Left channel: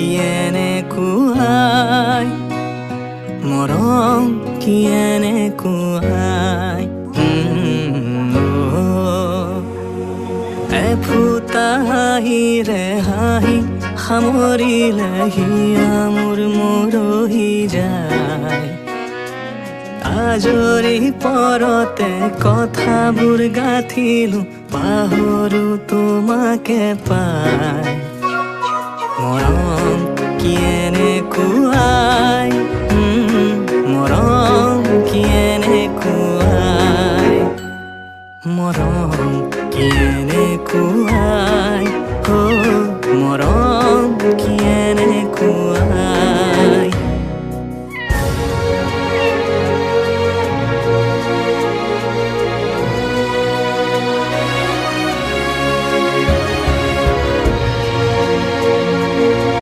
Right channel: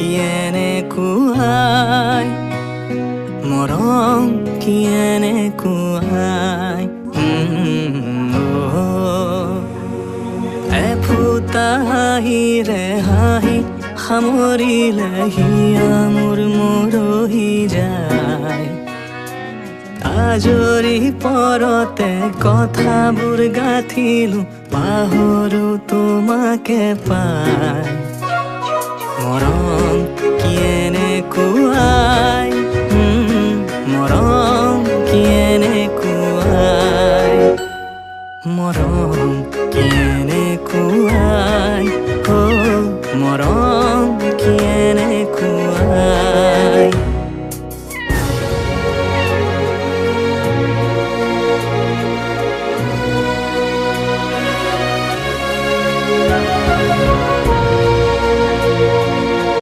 কিয়েনে কুৱাই মৰম কিয়েনে কুৱাই এফুটা হাঁহিৰে হাঁহি সামৰিলে হিয়া মোৰ মৰহি যায় আজৰি পৰতে কথাবোৰ গাঁঠিলো পাহৰো তোমাকে পাই মৰম কিয়েনে কুৱাই মৰম কিয়েনে কুৱাই মৰম কিয়েনে কুৱাই মৰম কিয়েনে কুৱাই